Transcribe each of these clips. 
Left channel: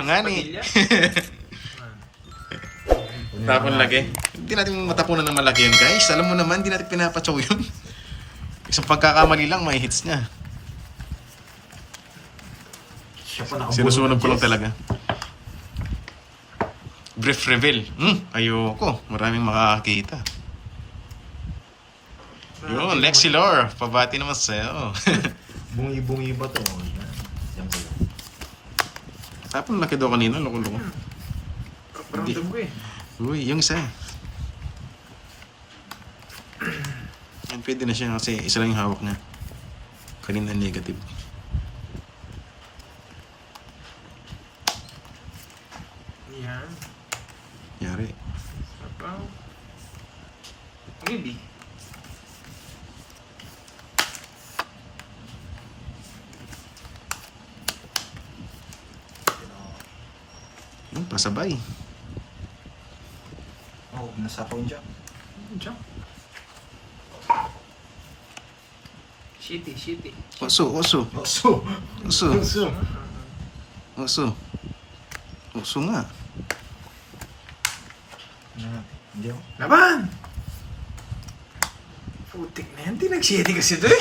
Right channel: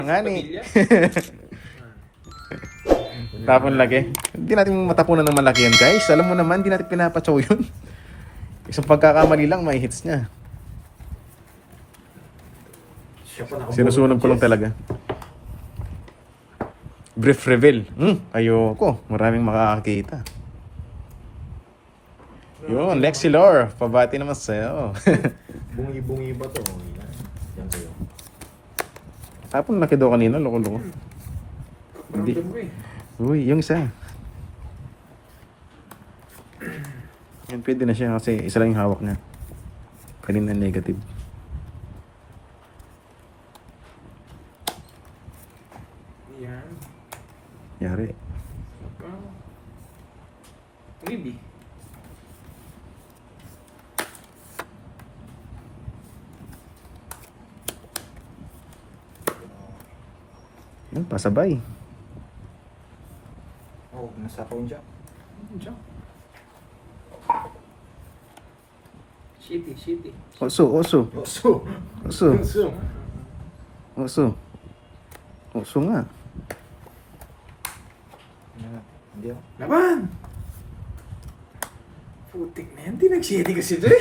Nga ni. Tapon lagi. Hindi natin matapunan ng malaki yun, guys. Alam mo naman, hindi natin pinapatsaw yun. Isang pagkakamali lang, may hits niya. Sinusunog ko lang talaga. Brief reveal. Ayoko. Maraming makakakita. Yun, Lexi Lore. Pabati naman sa'yo. Bungi-bungi ba to? Yan pala. Tapon laki daw kanina, loko-loko. Hindi. Ramdam ko eh. Uy, yung isa. Yan, pwede na siya kasi isa lang yung hawak niya. Kanina negative. Yan. Yari. Wow. Really? Yun, pasabay. Oh, nasa ko yung jump. Jump. Shitty, shitty. Oso, oso. Oso. Oso. Oso. Oso. Oso nga. Hindi ako. Laban! Putik na yan. Di nag-shitty kasi doon.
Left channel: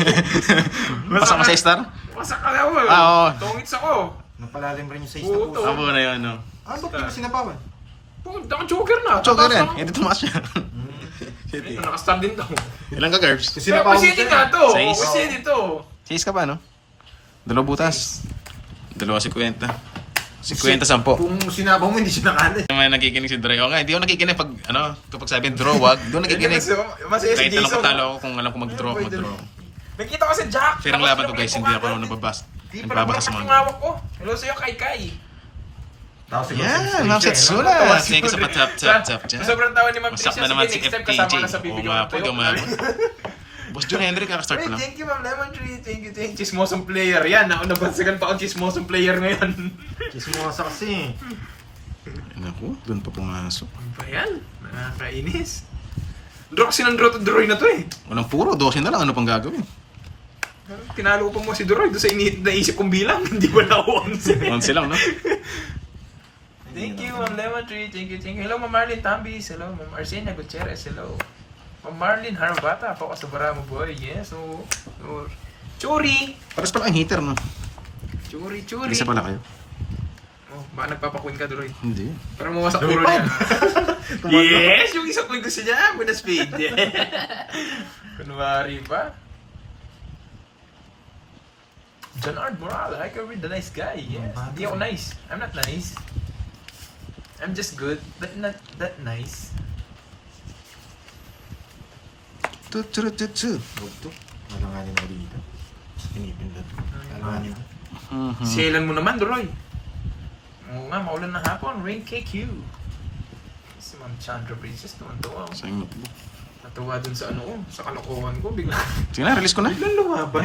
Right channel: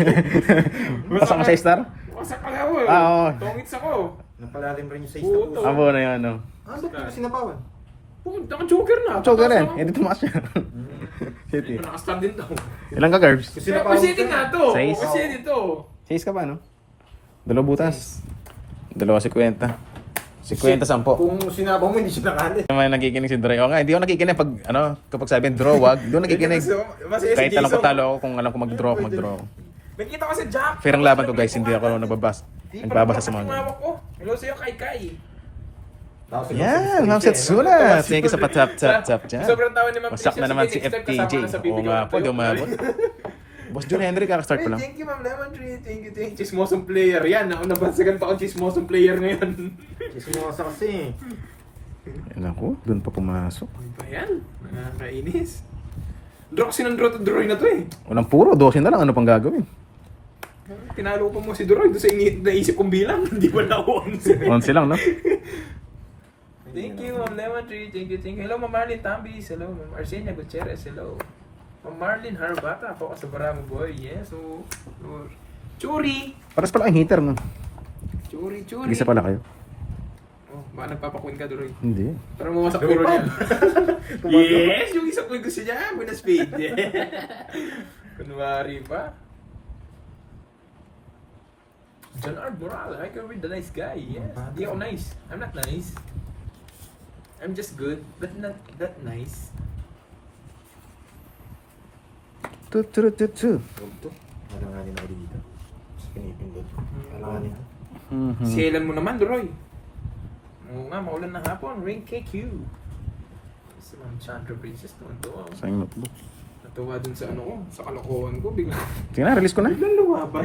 Pasok mo sa star? Wasak ka na ako. Ah, oo. Tongits ako. Napalalim rin yung size Oo, na to. po. Abo na yun, no? Ah, ba't di mo sinapawan? Pumunta ka joker na. Choker yan. Tapos, Hindi tumakas siya. Ito, nakastand din to. Ilang ka, Garbs? Kasi Pero napawan shitty siya. nga to. Size? Shitty to. 6 ka ba, no? 2 butas. 2.50. 50, 10. Kung sinabaw mo, hindi siya nakali. Naman nakikinig si Dre. O nga, hindi ako nakikinig pag, kapag sabi draw, wag. Hindi ako nakikinig. Masaya si Kahit alam ko Jason. talo ako, kung alam ko mag-draw ako, mag-draw ako. Nakita ko si Jack. Fair ang laban to, guys. Hindi ako nagbabasa. Nagbabasa sa mga ganun. ko. Hello sa'yo, Kai. Yan, Ma'am Setsuna. Thank you sa pa-tap-tap-tap dyan. Sobrang tawa ni Ma'am Wasak na Tricia. naman si Sige, next time FTJ. kasama ka sa Oo bibigyan nga ko po, tayo. di umabot. Boss John Henry, kakastart pa lang. Thank you, Ma'am Lemon Tree. Thank you. Chismosong player. Yan, ako nabansagan pa ang chismosong player ngayon. Kasi mo kasi kasi. Naku, doon pa pumasok. Ano ba yan? Nakakainis. Draw kasi ng draw to draw na to eh. Walang puro, 12 na lang. Ano pang gagawin? Tinalo pa mo si Doroy doon sa naisip kong bilang. Hindi ba na 11? 11 lang, no? Thank you, Ma'am Lemon Tree. Thank you. Hello, Ma'am Marlene Tambis. Hello, Ma'am Arsenia Gutierrez. Hello. Ma'am Marlene Harabata. Ako sa Baramo Boy. Yes. So, Churi. Paras pala ang heater, no? Churi. Isa pala kayo. Oh, baka nagpapakuin ka, Doroy. Hindi. Para mawasak puro niya. Yes! Yung isa ko gusto niya. Muna speed. Kunwari pa. John Ard Moral. I can read the nice guy. Yes. Hindi ako nice. I'm not nice. I'm just good, but not that nice. Tu. Huwag to. Malanganin na dito. Pinipindot. Malanganin na. Sielan mo naman, Doroy. Oo nga, maulan ng hapon. Rain KQ. Si Ma'am Chandra Princess naman to. Sayang notebook. Natuwa dun sa sa kalokohan ko. Bigla. Sige na, release ko na. Biglang lumaban.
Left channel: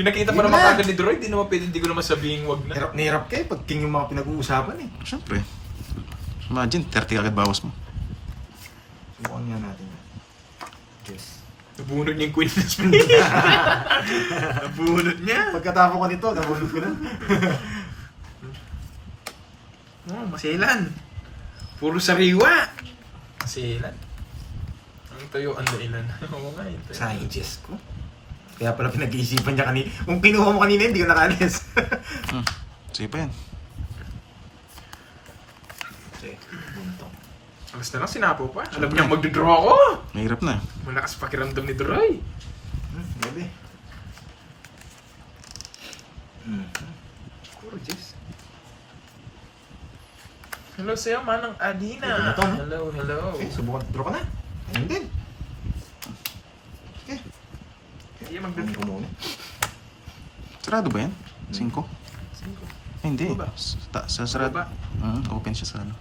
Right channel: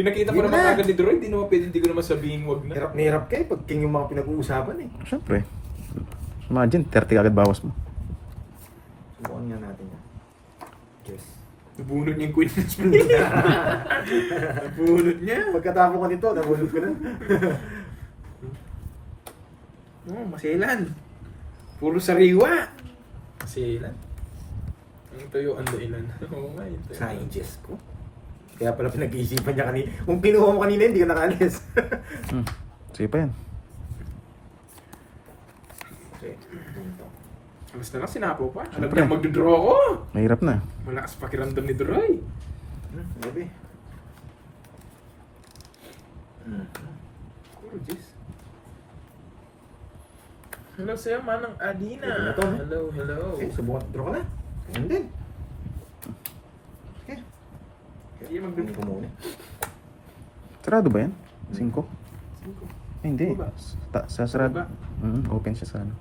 Pinakita pa Yun naman na. agad ni Doroy. Hindi naman pwede, hindi ko naman sabihin wag na. Hirap na hirap kayo pag king yung mga pinag-uusapan eh. Siyempre. Imagine, 30 agad bawas mo. Subukan nga natin. Yes. Nabunod niya yung Queen of Spades. Nabunod niya. Pagkatapos ko nito, nabunod ko na. Oh, masilan. Puro sariwa. Masilan. Ang tayo ang dailan. Oo nga yun. Sayang Jess ko. Kaya pala pinag-iisipan niya kanina. Kung kinuha mo kanina, hindi ko nakalis. Sige pa yan. Okay, bunto. Alas na lang, sinapo pa. Alam Siyempre. niya magdodraw ako. Mahirap na. Malakas pakiramdam ni Doroy. Gabi. Oh, jeez. Hello sa'yo, Manang Adina. Pwede na to, no? Hello. Okay, subukan. Draw ka na. Ganun din. Hindi Kunin magdodraw. ko muna. Sarado ba yan? 5? Cinco. Ay, hindi. Ano ba? Sa sarado. Ano Open siya sa ano.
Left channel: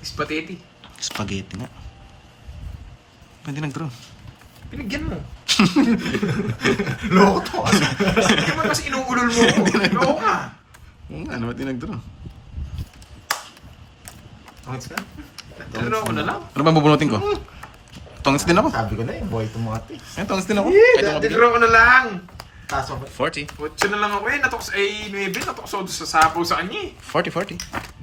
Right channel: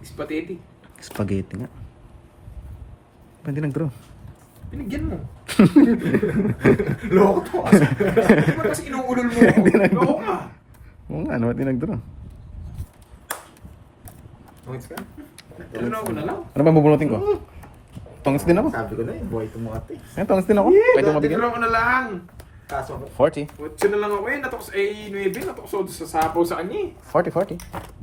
Spaghetti. Spaghetti nga. Ba't di nag-draw? Pinigyan mo. Loko to kasi. Di ba kasi inuulol mo? Oo nga. Oo nga, ba't di nag-draw? Tongits ka? Dodraw ko na lang. Ano ba bubunutin ko? Tongits din ako. Sabi ko na eh, boy itong mga ito eh. Ay, tongits din ako. Kahit umabigyan. Dodraw ko na lang. Pasok. 40. 8 na lang ako eh. Natok sa 9, natok sa sa sapo sa kanya eh. 40.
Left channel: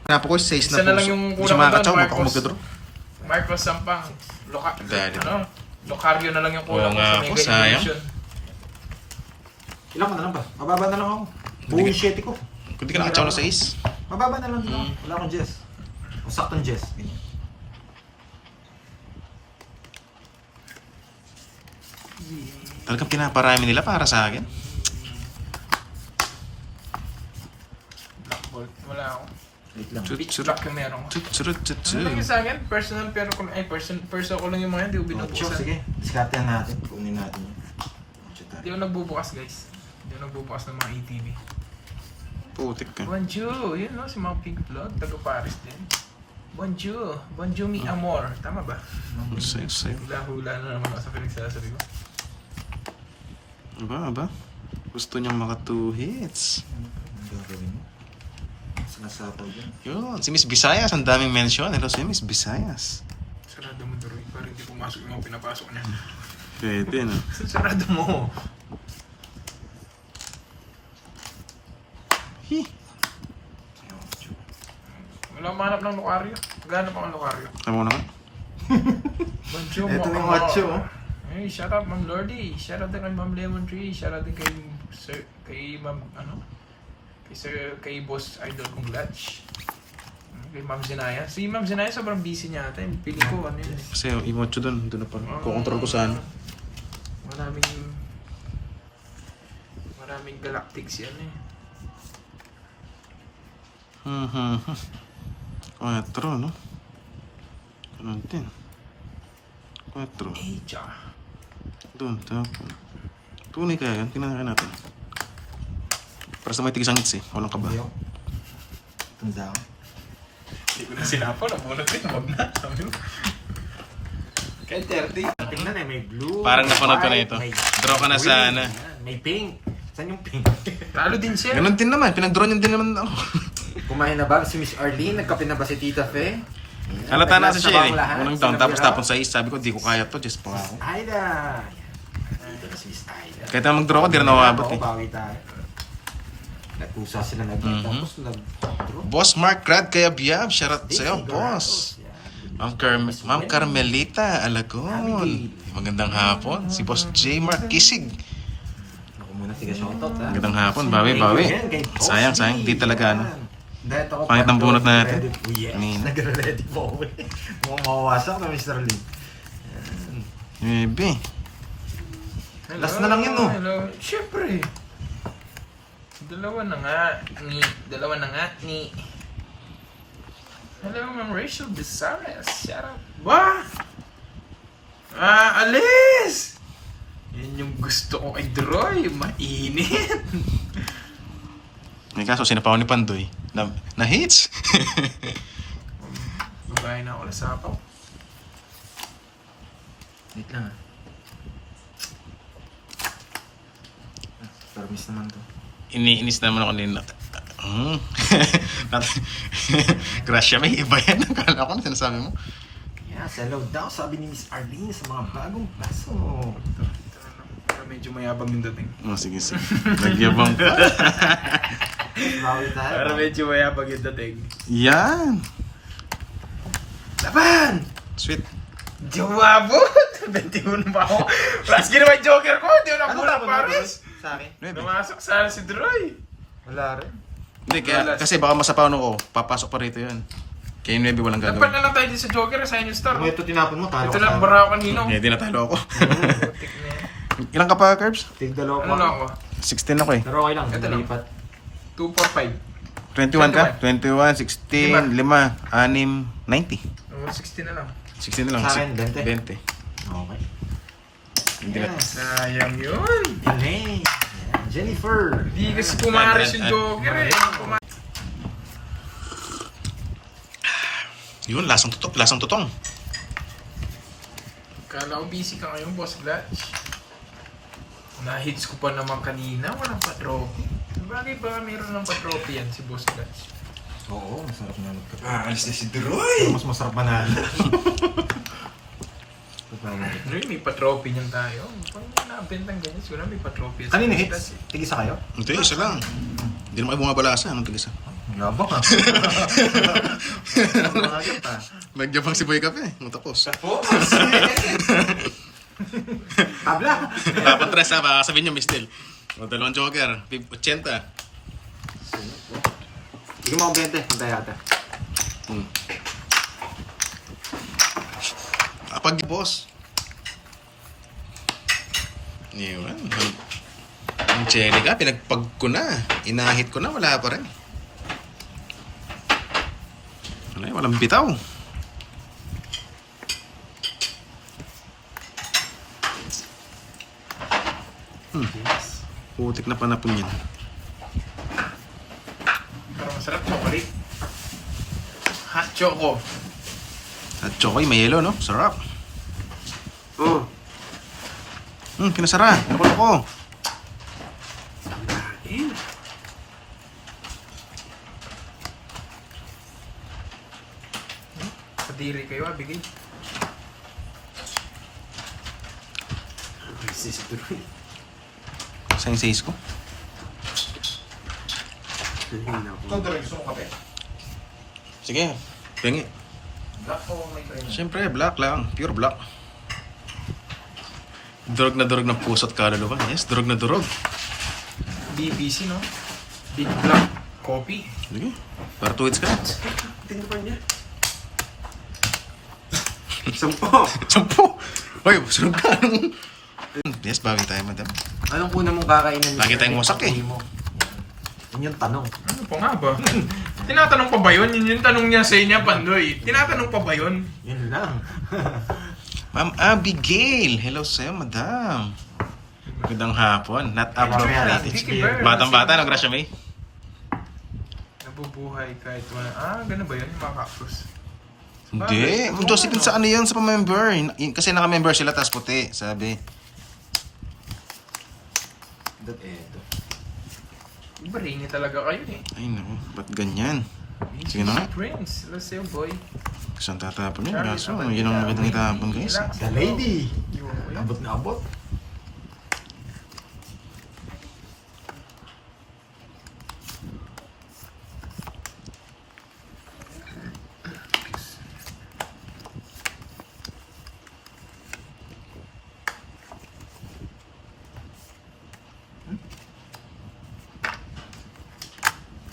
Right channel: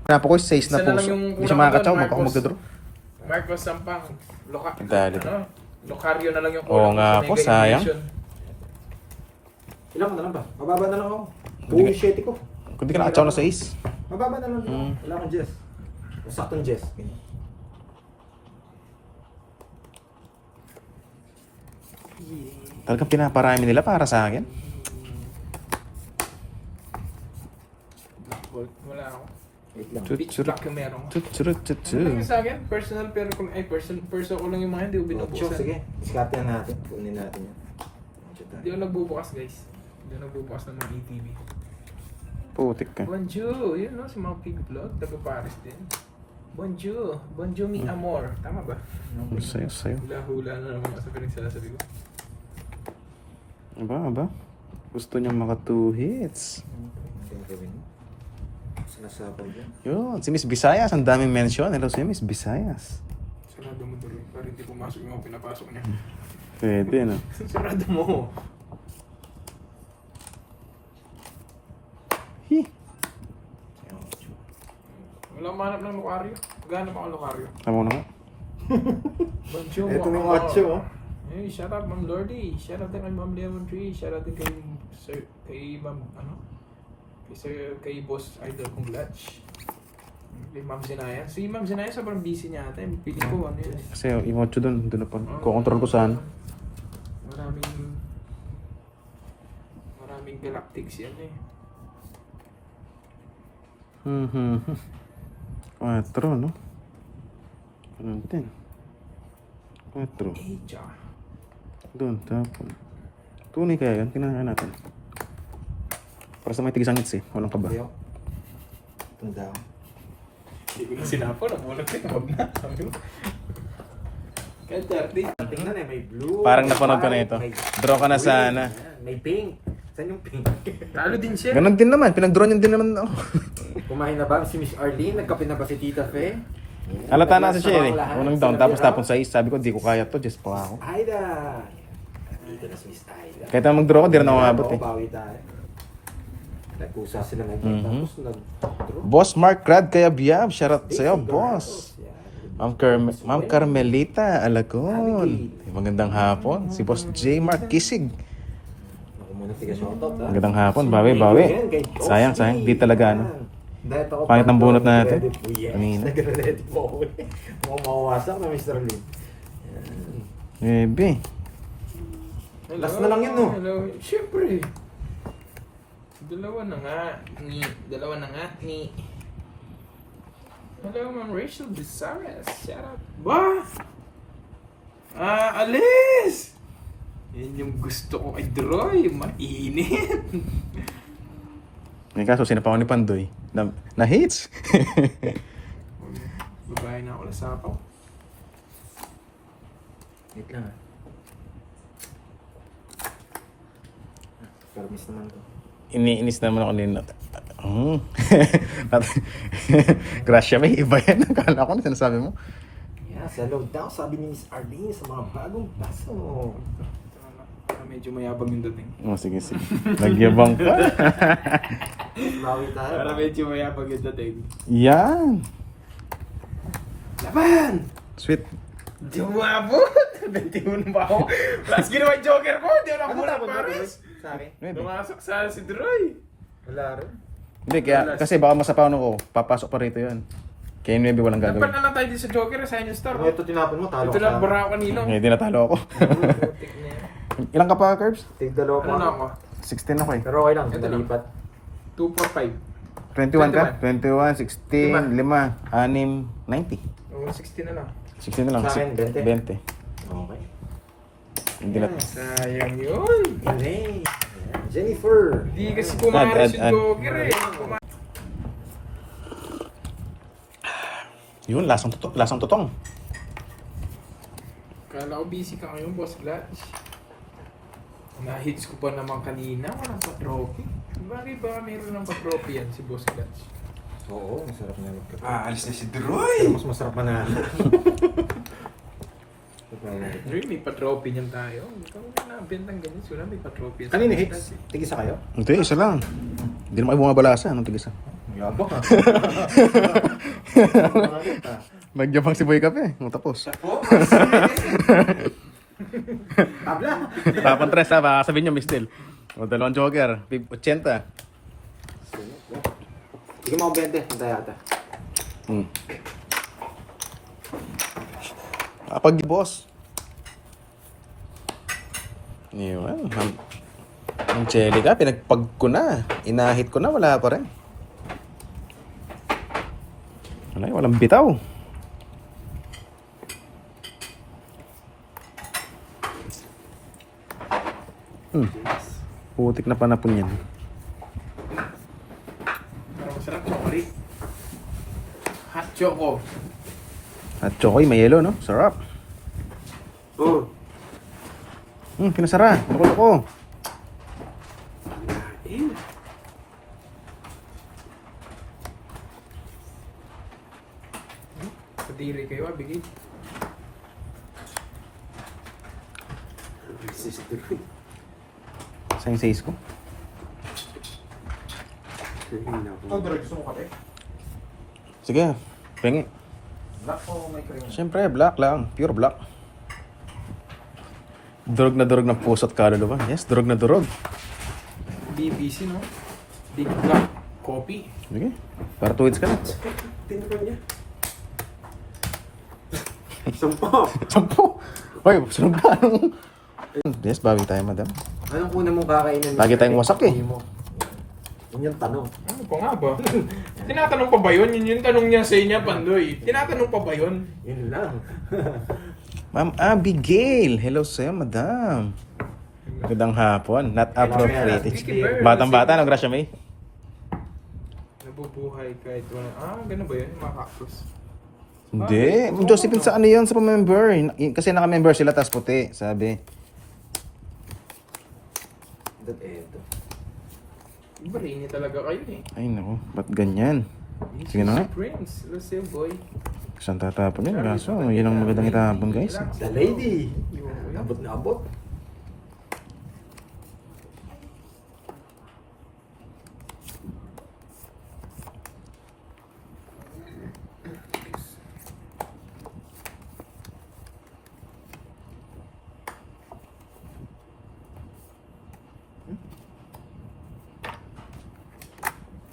Napo ko 6 na Isa na lang puso. yung Hindi siya kulang makakatsaw, doon, magkako Marcos. magkadraw. Marcos Sampang. Dali. Locario na lang yung Oo nga sa po, mega sayang. immersion. Ilan ka na lang ba? Mababa na lang ako. Buong 7 ko. Kung di ka nakatsaw na 6. Mababa na lang din ako. Wala akong Jess. O saktong Jess. Talagang pinaparami nila para sa akin. Black Bolt. Wala ako. Wait lang. Tut, Pitch tut, black yung meron ko. tut, tut, tut, Yung tut. sa akin, personal pero kung ay person ko lang yung mga hindi ko Sure, binubukasan. sige. Diskartehan natin. Kunin natin yun. Hindi ko nagbubukas guys. Hindi ko nagbubukas ng mga ATV. Putik ka. Bonjour! Yun no, si mga Pink Blood, taga Paris din. Bonjour! Bonjour mi amor. Tama ba? Sayo. Hula-hula na naman sa pinagsasabi ko. Aba. Gusto niyang maka 2 hits. Ang gagawin mo? Sinasapal yun. Yun, si Miss Visayas, ang daming mention. Hello si Miss Visayas. Sarado mo tuloy, para hindi pumasok yung mga pinapasok niya. Pwede, no? Sarado mo! Hi. Wala akong mahanap ng lokaryo. Maghanap ako ng lokaryo. Tama mo na nga. Bonjour! Ito yung mga- macho, oh. Hey, shout out Ma'am Lordy. Shout out din kay Ma'am Lemon Tree. Shout out din kay Sir, kay Ma'am, kay Boss Idol kong Latch. Kay Ma'am Zinaya. Si Ma'am Zinaya sobrang busy niya ata. Pili ko ano yun. Kasi yung emocho dun na pa. Kukontrol ko saan. Maraming galactics yan eh. 4, no? Ganun din. 4. Eja. Doon, tapon. Tunay kaya yan, tingnan natin. Para sa may tigisangits eh, walang kaba. Yo. Tunda ako. Hindi ko na sinapol. Nabulat din. Huwag na. Sabi ko. Kay 30. Tingnan eh, may blue. Parang napanood ko na white, ito. may Draw ka na green, sana. yan. May pink. Saan yung pink? Talo din siya. Ganun din naman, pinag-draw niyan din naman ako. Kumain na ba si Miss Arlene? Nagkape na ba si Tita Fe? Yan. Halata na kasi siya eh. Lahat. Unang down, tapos Sinabi tapon sa is. Sabi ko, di ko kaya to, just pa ako. Aida. Dito na si Miss Aida. Kahit na mag-draw ko, di na nakabot eh. Bawi tayo. Nagpusa sila nag Mhm. tapos nag-draw. Boss Mark Rad kaya biyab, shoutout sa'yo, Daisy boss. Dorados, yan. Ma'am Carmelita Alagon. Magandang hapon. Si Boss J. Mark Kisig. Ako muna tiga shoutout ha. Magandang hapon, bawi. Sayang, di talaga ano. Pangit ng bunot natin. Kanina. Nagre-ready po ako eh. Mukhang mawawasak na Mr. Lee. Maybe. Last na lang yun, no? Hello. Siyempre. Dalawa na nga. Hello, Ma'am Rachel Bizares. Shout out. Ba? Alis! Yan yung gusto ko kay Droy. Mainit. May kaso, sinapaw ni Pandoy. Na hits. Babae na ako na sapaw. Wait lang. Pero miss naman to. Iniinis naman ako nila. Gracia, may iba yan. Akala ko na sinasabi mo. Yes, hello daw sabi ni Miss Arlene sa mga bagong baso. Para medyo mayabang yung dating. Oh, sige. Nagyabang pa. Bawi tayo. Para medyo mayabang yung dating. Yan. Laban! Sweet. Di ako maabot! 21 pa ako. Plus ginawa yung joker ko. Di ako nabulat Paris. Sa akin? Maybe. Lumasok sana si Droy. Wala rin. Hindi, kasi baka masapaw ko. Papasok pa rito yan. Kaya maybe walang Nagpal gagawin. na lang tayo din sa joker. Assign yung star. Kung ito tinapon mo, talo Ito ka lang sa bara ako kanino. Hindi natalo ako. Ilang ka pa, Curbs? Tig dalawa Ano lang ako? 16 ako eh. Pero okay lang, Ito lang. nalipat. 245. 21 ka? 21, 16, 5, 6, 90. 16 na lang. 16 na lang. Sa akin, 20. 20. Okay. Hindi na. Yes. Sayang yun. Elaine. Jennifer. Hindi kasi pumaras yung joker eh. Yun, lasang tutong. Kala ko busy ka ngayon, Boss Glatch. Na-hits ko pa naman kanina. Walang pa-trophy. Bagay ba meron ng pa-trophy yan si Boss Glatch? Oo, masarap na ulit. Alis na si Droy! Mas masarap manalo. Really, may pa-trophy niyan tayo. Kung nabentang ganyan, siguro may pa-trophy. Kanina hits? Tigisa kayo? Hindi, isa lang. Hindi naman kayo bumabalasa. Anong tigisa? Yabang ah. Nagyan pang si Boy Kape. Tapos. Tabla! Papantres ha, baka sabihin niyo, Mistel. O, dalawang joker. 80. Sige mo 20. Pantay ata. Kapag boss. Iwan. Ang chili ka, pinagpag ko na. Inahit ko na, wala pa rin. Wala, walang bitaw. Putik na panapon yan. Pero masarap chocolate. Hot choco. At chokoy, may yelo, no? Sarap. Oo. Kinasara. Loko-loko. Kadiri kayo, bigay. Sisituloy. Sa yung size ko. Ikaw talaga gusto mo kape? Sige, pengi. Black o may kayo? Siyempre, black lang. Pure black. Durog na durog ng puso at kaluluwa. Yes, durog na durog. BBC, no? Big Black Coffee. Sige, para 2 hits ka na. Tingnan pa niya. 10. 10. Hoy, sunod ka. Yes, bawi tayo, madam. Anong kuna mong kakainin? Lagi tayong wasak eh. Yan yung tanong. Ano pa nga ba? Tinatanong pa ba yun? Yun yung tanong niya sa inyo, Pandoy. Tinatanong pa ba yun? Yun lang. Ma'am Abigail. Hello sa'yo, madam. Magandang hapon. Not appropriate. Batang-bata, no, Gracia May? Nabubuhay kahit wala. Ganun ba yun? Yung mga cactus. Hindi. Ma'am Josephine, sa ano yun? Sa pa-member. Kasi naka-member sila, tas puti. Sabi. Eto. Brainy talaga kayo eh. Ay, naku. Ba't ganyan? Sige na nga. Prince. Let's say, boy. Saan tatapon yun? Kaso, yun ang magandang itapon, guys. The lady. Yun. Abot na abot.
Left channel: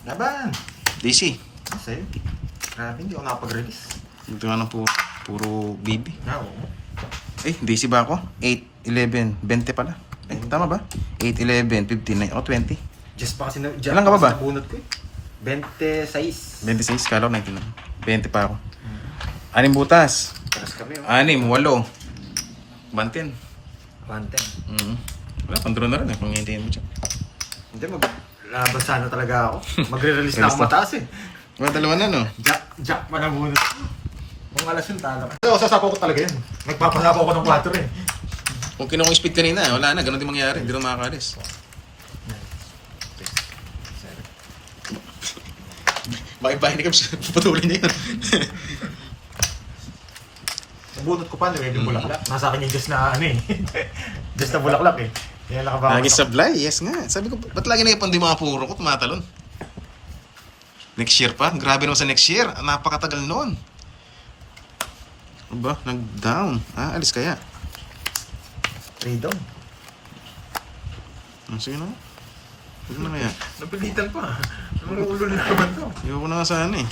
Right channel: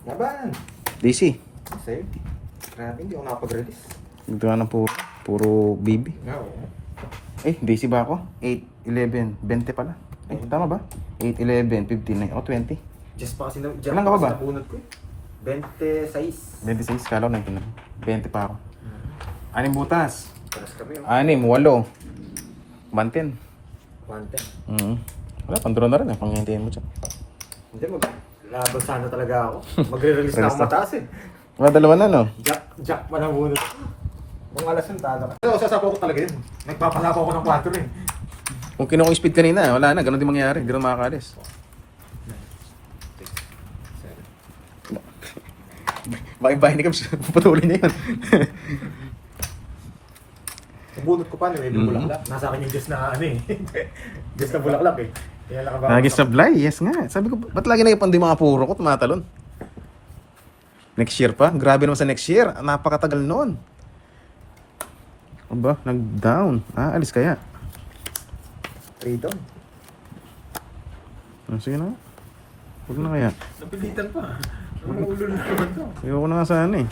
Laban! DC. Kasi, grabe, hindi ako nakapag-release. Ito nga ng puro BB. Oo. Eh, DC ba ako? 8, 11, 20 pala. Eh, tama ba? 8, 11, 15, 9, ako 20. Just pa kasi na... Ilan ka pa ba? Bunot ko eh. 26. 26, kala ko 19 lang. 20 pa ako. 6 butas. Paras kami, no? 6, 8. Bantin. 110. Wala, pandro na rin eh. Panghintihin mo siya. Hindi, laban sana talaga ako. Magre-release na ako mataas eh. Wala, dalawa na, no? Jack pa ng bunot. Kung alas yun, talo. Pero sasapaw ko talaga yun. Nagpapasapaw ko ng 4 eh. Kung kinuha ko yung speed kanina, wala na. Ganun din mangyari. Hindi na makakalis. Bahay-bahay ni Kabs. Pupatuloy niya yun. Bunot ko pa, may bulaklak. Nasa akin yung Diyos na ano eh. Diyos na bulaklak eh. Kaya nakabawa Lagi sablay, yes nga. Sabi ko, ba't lagi nagipandi mga puro ko, tumatalon? Next year pa? Grabe naman sa next year. Napakatagal noon. Aba, nag-down. Alis kaya. Freedom. Sige na. Huwag na kaya. Napilitan pa. Ang ulo na naman to. Ayoko na nga sana eh.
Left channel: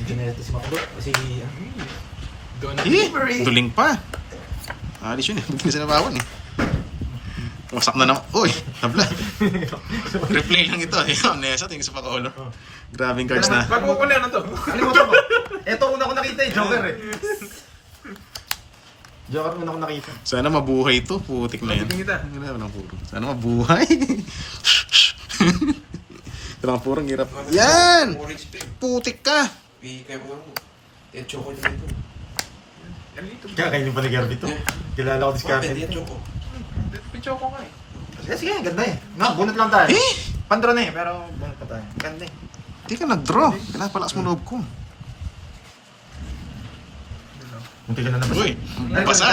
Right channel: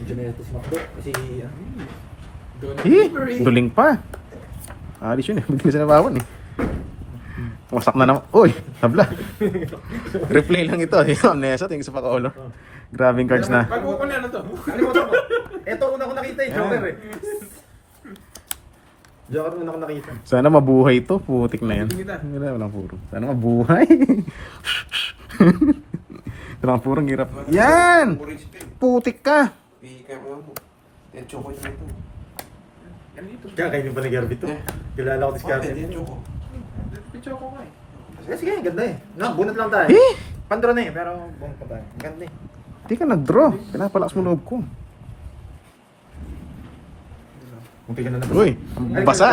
Medyo na ito si Macdo. Kasi Don't Duling pa. Alis yun eh. Buti na sinabawan eh. Wasak na naman. Uy, tabla. Replay lang ito eh. Amnesia, tingin sa pa-color. Grabing cards na. Bago ko na ano to. Kalimutan ko. Ito una ko nakita eh. Joker eh. Joker una ko nakita. Sana mabuhay to. Putik na yan. Tingin kita. Wala, walang puro. Sana mabuhay. Walang puro, ang hirap. Yan! Putik ka! Kaya kainin pa nag-Herbie to. Kilala ko discarte dito. Picho ko nga eh. Sige, ganda eh. Nga, bunot lang tayo. Eh! Pandro na eh, pero bunot pa tayo. Ganda eh. Di ka nag-draw. Pinapalakas mo loob ko. Munti ka na nabasa. Uy, basa.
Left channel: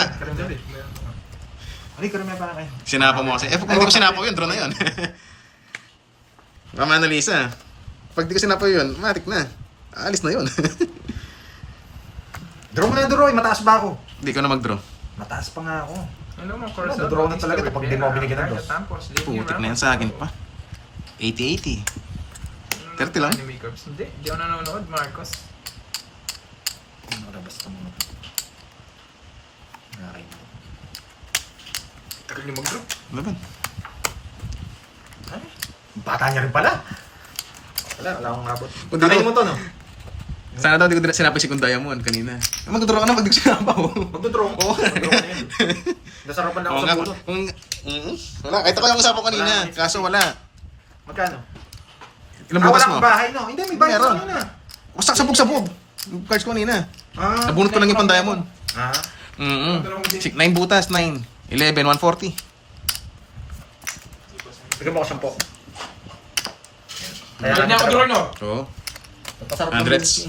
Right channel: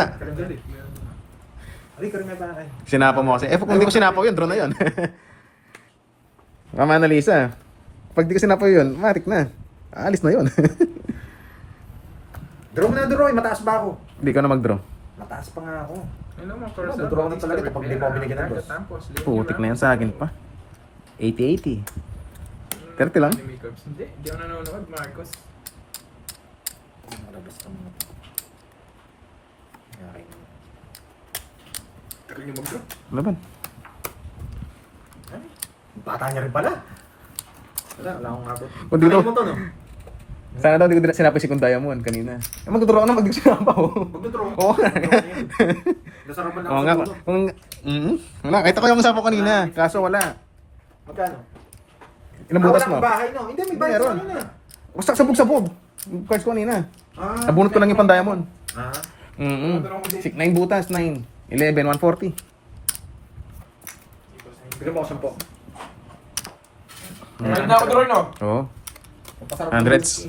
Ay, karamihan pa kayo. Sinapa mo kasi. Kung hindi ko sinapa yun, draw na yun. Mama Annalisa. Pag di ko sinapa yun, matik na. Alis na yun. Draw na draw, mataas ba ako? Hindi ka na mag-draw. Mataas pa nga ako. Hello, mga Draw na talaga ito pag di mo ako binigyan ng dos. Putik na yan sa akin pa. 80-80. 30 lang. Hindi, di ako nanonood, Marcos. Marabas ka muna. Okay. Tagal niyo mag-draw. Laban. Ay, bata niya rin pala. Wala akong abot. Kung dito- Takayin mo to, no? Sana daw di ko sinabi si Kung Diamond kanina. Mag-draw ka na pag di ko sinapa ko. Magdodraw. Oo. Nasarapan na ako Oo sa nga. bunot. Nakita ko yung usapan kanina. Kaso wala. Magkano? Ilang butas mo? Bahay, no? Hindi, may bahay Meron. kanina. Basta sabog-sabog. Yung cards ko kanina. Ah. Nabunot ko lang yung Pan-Diamond. Ah. 9 butas, 9. 11, 140. Bigyan mo ako 10. Hindi ako draw, no? Oo. Pasarap Hundreds.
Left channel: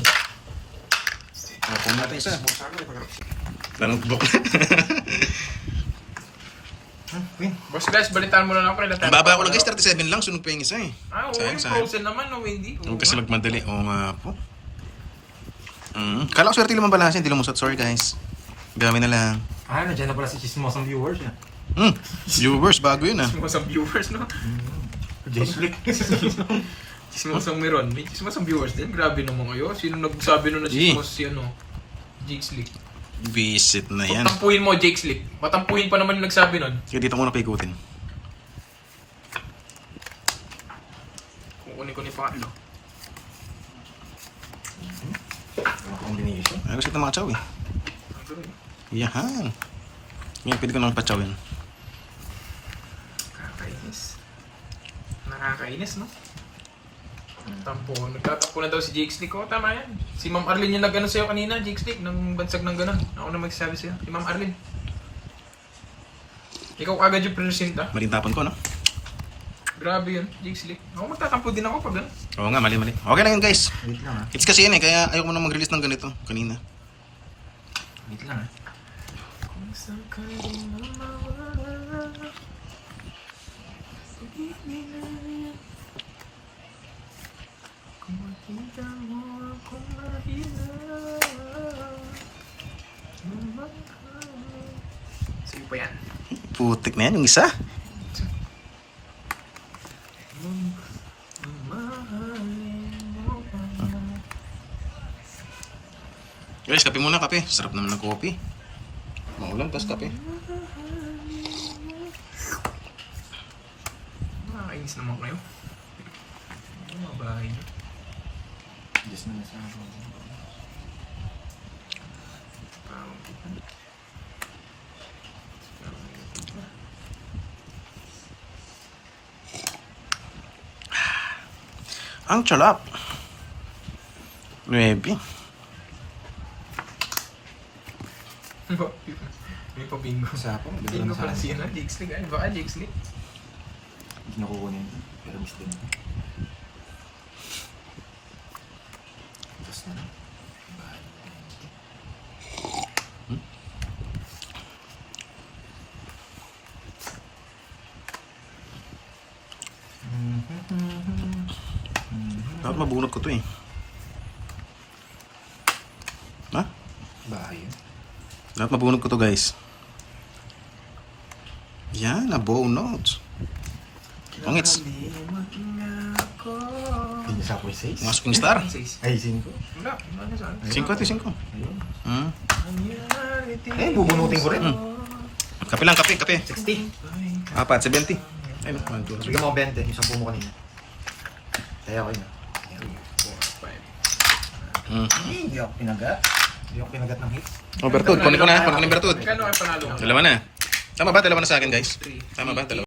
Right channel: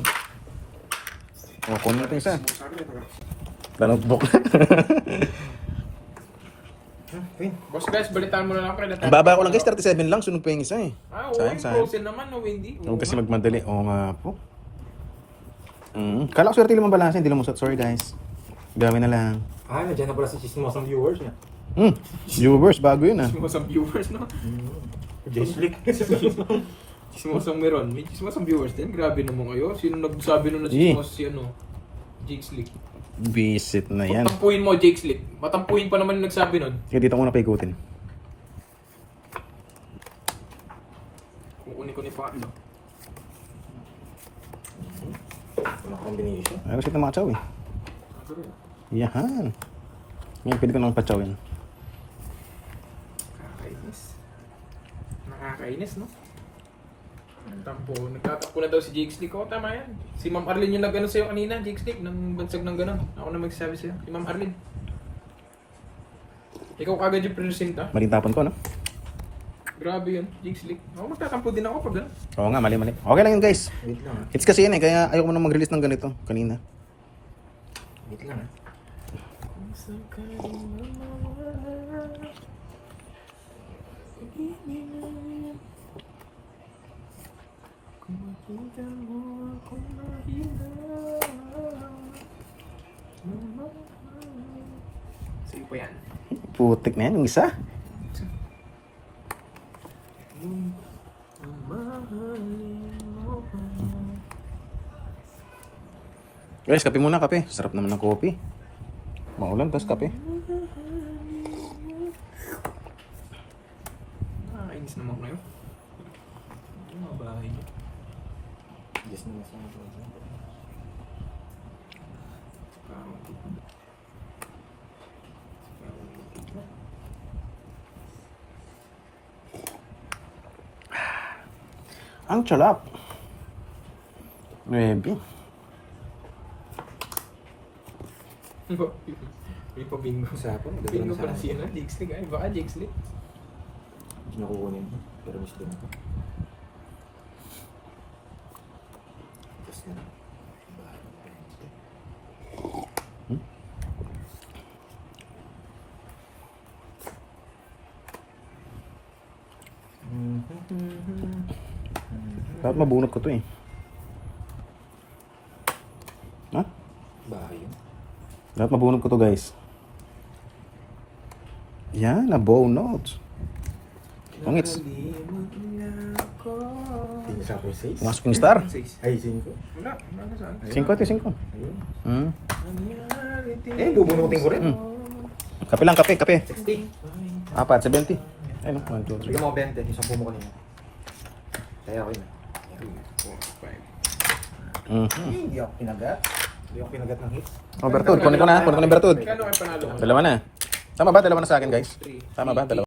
Kunin natin isa. Notebook. Win. Boss guys, balitaan mo na lang ako. Ang baba ko lang guys, 37 lang. Sunog pa yung isa eh. Ah, Sayang, sayang. frozen naman, no, hindi. Huwag kasi magmadali. Oo nga po. Kala ko swerte lang mabalasa. Hindi lumusot. Sorry guys. Gawin na lang. Ah, nandiyan na pala si Chismosang viewers niya. Viewers, bago yun ah. Chismosang viewers, no? J-Slick. Chismosang meron. May chismosang viewers din. Grabe naman kayo. Sino nagsabi nun na Eh. chismos si ano? Jake Slick. Visit na yan. Patampuhin mo, Jake Slick. Patampuhin pa naman yung nagsabi nun. Kaya dito ko na paikutin. Kukunin ko ni pangatlo. Combination. Ayos ito mga chow eh. Yahan. Ngayon pwede ko nang pachawin. Nakakainis. Nakakainis, no? Tampo. Nagtatakpo na daw si Jake Slick. Oo, tama yan. Si Ma'am Arlene yung nag-ano sa'yo kanina, Jake Slick, nang bansag ng gano'n. Ako na magsasabi sa'yo. Si Ma'am Arlene. Ikaw agad yung presenta. Maling tapon ko, no? Grabe yun, Jake Slick. Ako magtatampo din ako pag gano'n. Oo nga, mali. Okay lang yun guys. Wait lang, It's kasi yan eh, kaya ayoko na mag-release ng ganito kanina. Wait lang, Sige pa yan. Putik na yan, yung isa. Guys, kape muna, kape. Sarap naman ng kopi. Maulan, tapos kape. Nakakainis naman kayo. Mga bahay na. Just na lang sinabi. Ang chalap. 9. May pa-bingo. Sa hapon, Bingo pala si ano, Jake Slick. Ano ba, Jake Slick? Hindi niya kukunin. Pero miss din ako. Just na. Dapat mabunot ko to eh. Ha? Bahay yun. Dapat mabunot ko to guys. Yan, na bonus. Pangits. Hindi niya sa ako 6. Mga swing star. Ay, 5. Wala, wala saan. 5 ito, 5. Ayun. Eh, bubunutin ko rin. Kape lang, kape, kape. 60. Apat, 70. Ay no, 1, 2, 3. Bigyan mo ako 20. Yung 10 mo kanina. Kaya ko yun. Hindi ako pinagat. Hindi ako pinagat ng hits. Oh, Bertud. Kunin ko na yung Bertud. Kano kayo panalo? Dalawa na. Tama ba? Dalawa na sa akin, guys. Tama ba? Dalawa.